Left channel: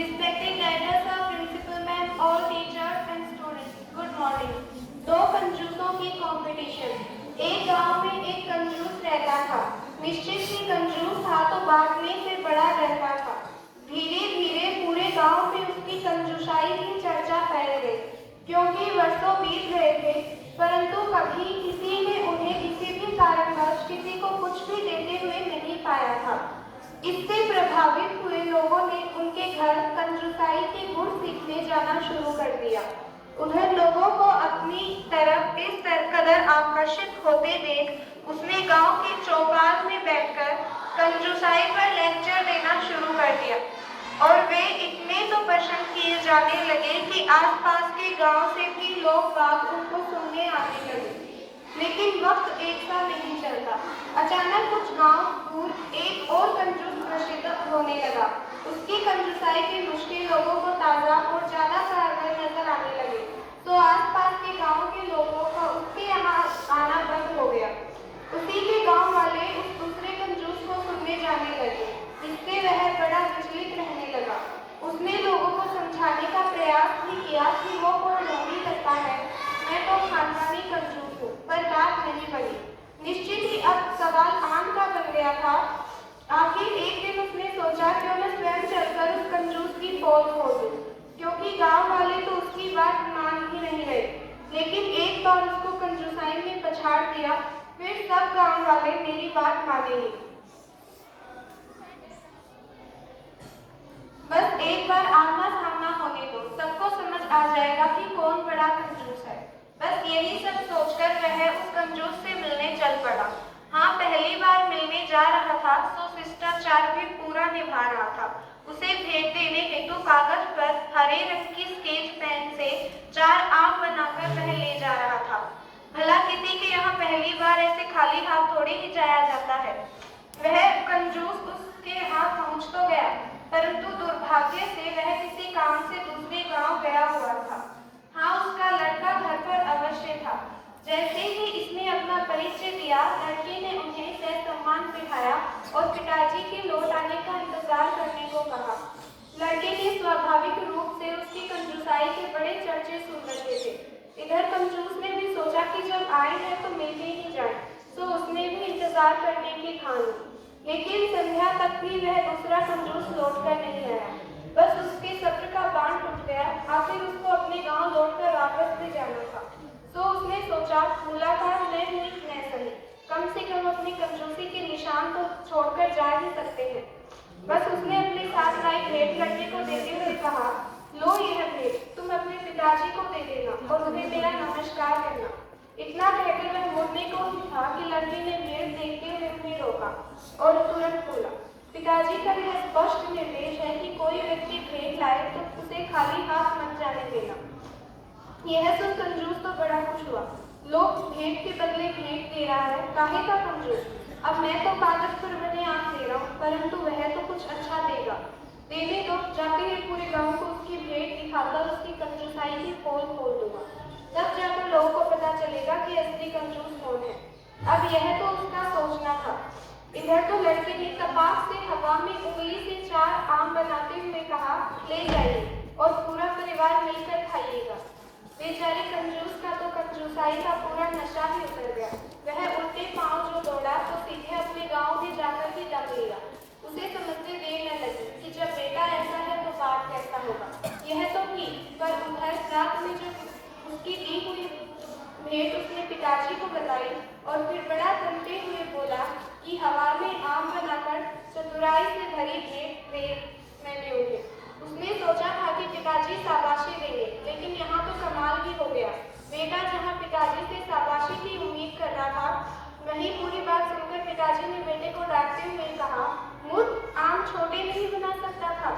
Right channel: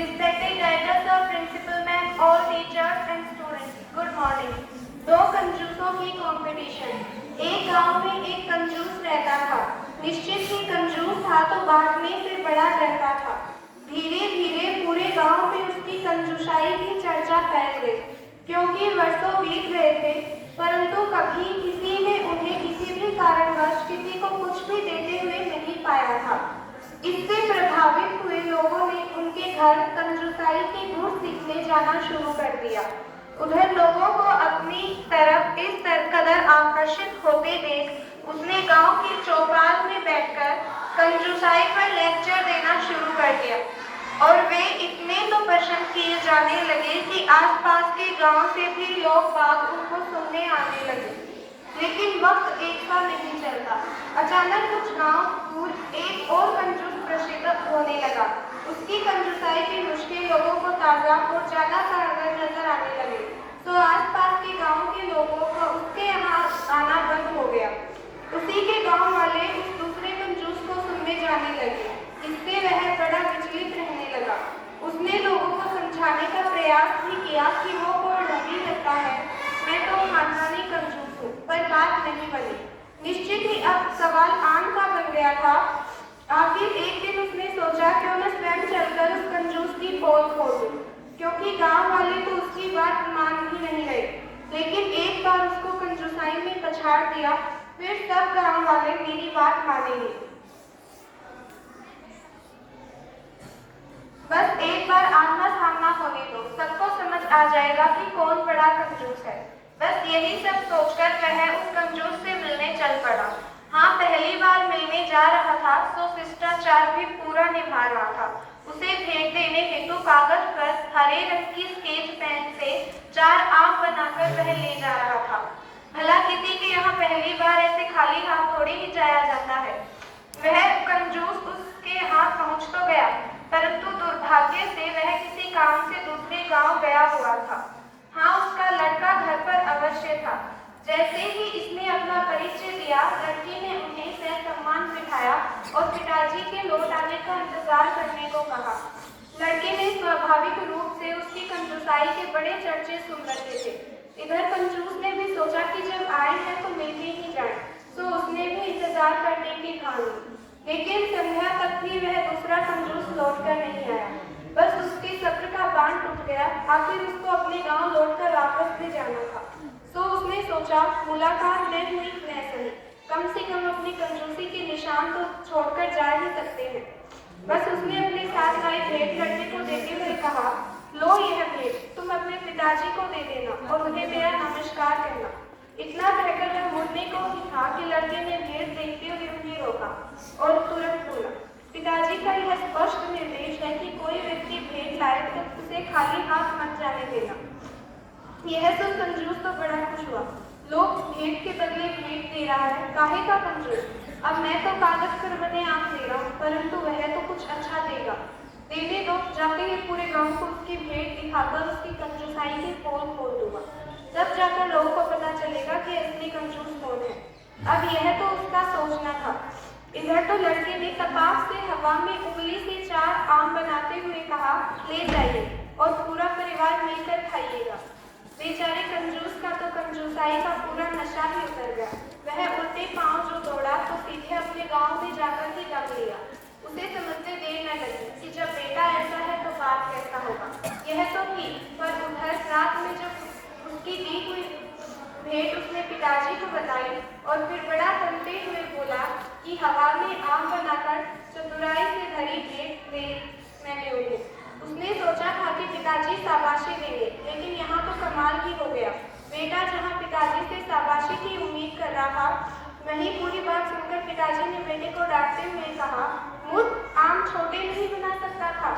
Respected director sir, principal ma'am, all teachers and students, good morning. दो कंजूसों की competition. एक गांव में एक कंजूस रहता था। निश्चित ही कंजूस था तो बांटने से बड़ा डरता था। धीरे धीरे पूरे गांव में उसकी कंजूसाई की चर्चा फैल गई, क्योंकि वर्षों बीत गए थे, परंतु कभी किसी ने उन्हें किसी भी कारणवश किसी को कुछ भी देते हुए नहीं पाया था। इससे प्रभावित हुए लोगों ने उनके घर कंजूसाई के गुण सीखने जाना शुरू कर दिया। उधर लोगों को अपनी तरफ इस कदर आकर्षित होते देख उसने गांव की चौपाल में बैठकर कंजूसाई पर लेक्चर देना शुरू कर दिया, और वे इतने तो प्रश्न किए जाने लगे कि आसपास के गांव से भी लोग बाग उनको सुनने आने लगे। लेकिन वक्त एक सा नहीं चलता। अचानक कुछ गांव दूर एक और कंजूस प्रसिद्ध होने लगा। उसकी कंजूसाई के नुस्खे लोगों को ताजा और ज्यादा कारगर नजर आने लगे, तो आसपास के गांव के लोगों का उसके यहाँ आना बंद हो गया। उसी के गांव वाले उस दूसरे कंजूस को सुनने जाने लगे। इससे वह बड़ा विचलित रहने लगा। उसने लोगों को समझाने का प्रयास भी किया कि वो कोई ढोंगी लगता है, मैं तो खानदानी कंजूस हूँ, पर बात नहीं बनी। निश्चित ही अब सवाल आम का बन गया था। आखिर एक दिन उसने सोचा क्यों मैं स्वयं चलकर उस कंजूस की पोल खोल दूं, क्योंकि गांव वाले तो उसकी बात मान ही नहीं रहे। लेकिन एक बार उसको कंजूसाई में पछाड़ दिया, फिर सब गांव वाले मेरी बात मानेंगे। बस एक बार आमना सामना होने दो, सबको समझ आ जाएगा कि कौन बड़ा कंजूस है। बस यही सब सोचकर वह उस कंजूस से मिलने चल पड़ा। हाँ, पहली बार मिलने जा रहा था तो शिष्टाचार भी पूरा निभा रहा था। उसे भेंट देने हेतु कागज पर हरे रंग की स्केच पेन से 4 आम बनाकर वह ले जा रहा था। भला किसी के यहाँ पहली बार ऐसे खाली हाथ थोड़ी ही जाया जाता है। वह कंजूस उसके हाथ पहुँच तो गया, परंतु दुर्भाग्य से वह किसी काम से दूसरे गांव गया हुआ था। हाँ, उसका लड़का घर पर अवश्य था। जैसे ही इसने अपना परिचय दिया, लड़की ने उन्हें सहसम्मान बिठाया और पिताजी के लौट आने का इंतजार करने को कहा। लड़के ने स्वाभाविक रूप से उसकी कंजूसाई के बड़े चर्चे सुन रखे थे। इधर कंजूस ने भी सोचा कि जब आए हैं तो मिलके ही जाए, तो उसने भी इंतजार करने की ठान ली। लेकिन संध्या तक भी वह दूसरा कंजूस लौटकर नहीं आया। बस उसके सब्र का बांध टूट गया। आखिर उसको अपने गांव लौटकर वापस भी जाना था। तो उसने सोचा मुलाकात न हुई न सही, कम से कम अपनी कंजूसी के निशान तो छोड़कर जा ही सकते हैं। बस उसने अपने साथ लाई भेंट लड़के को देते हुए कहा, लो यह भेंट, तुम अपने पिताजी को दे देना और उन्हें मेरा नमस्कार कहना। इतना कहकर वह मुड़ने को ही था कि लड़के ने भेंट देखते हुए उन्हें रोका और तुरंत बोला, पिताजी का यह स्पष्ट निर्देश है कि कोई व्यक्ति भेंट लाए तो उसे खाली हाथ मत जाने देना। यह सुन कंजूस तो बड़ा खुश हुआ। लोग भेंट के बदले भेंट दे रहा है, काहे का कंजूस। अब मैं तो कागज पर बने आम दे रहा हूँ, परंतु वह तो कुछ अच्छा देगा। देने दो, जाके ही पूरे गांव को उसकी भेंट दिखाकर उसकी कंजूसाई की पोल खोल दूंगा। तब जाकर लोगों को पता चलेगा कि असली कंजूस कौन है। अब यह तो उसका सोचना था। इधर तो लड़के ने तपाक से हवा में उंगली से 4 आम बनाते हुए कहा, ले जाइए और पूरा परिवार मिलकर खाइएगा। बेचारे कंजूस का तो कंजूसाई का पूरा नशा ही उतर गया। वह उल्टे पांव जो दौड़ा तो सीधे अपने गांव में जाकर ही दम लिया। उसे समझने देर न लगी कि जब बेटा ऐसा है तो बात कैसा होगा। यह तो ठीक, पर उधर रात में जब उसकी दी हुई भेंट उसने पिताजी को बताई और फिर बड़ा तनते हुए बोला कि हवा में आम बनाकर चतुराई से भरी भेंट मैं लूंगी। उसने सोचा था कि पिताजी शाबाशी देंगे, लेकिन यहाँ तो कमाल ही हो गया। बेटा जहाँ पिताजी से शाबाशी की उम्मीद कर रहा था, वहीं पूरी बात सुनकर पिताजी ने बेटे को डांटते हुए कहा, मुझ आम छोटे नहीं बना सकता था।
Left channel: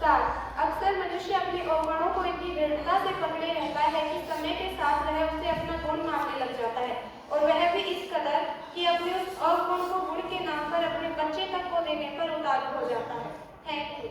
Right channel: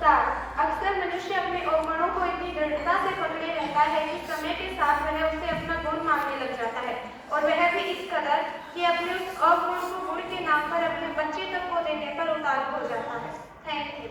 सार, अक्सर मनुष्य अपने अवगुणों को इतनी दृढ़ता से पकड़े रहता है कि समय के साथ वह उसे अपना गुण मानने लग जाता है, और वह भी इस कदर कि अपने उस अवगुण को गुण के नाम पर अपने बच्चे तक को देने पर उतारू हो जाता है। Thank you.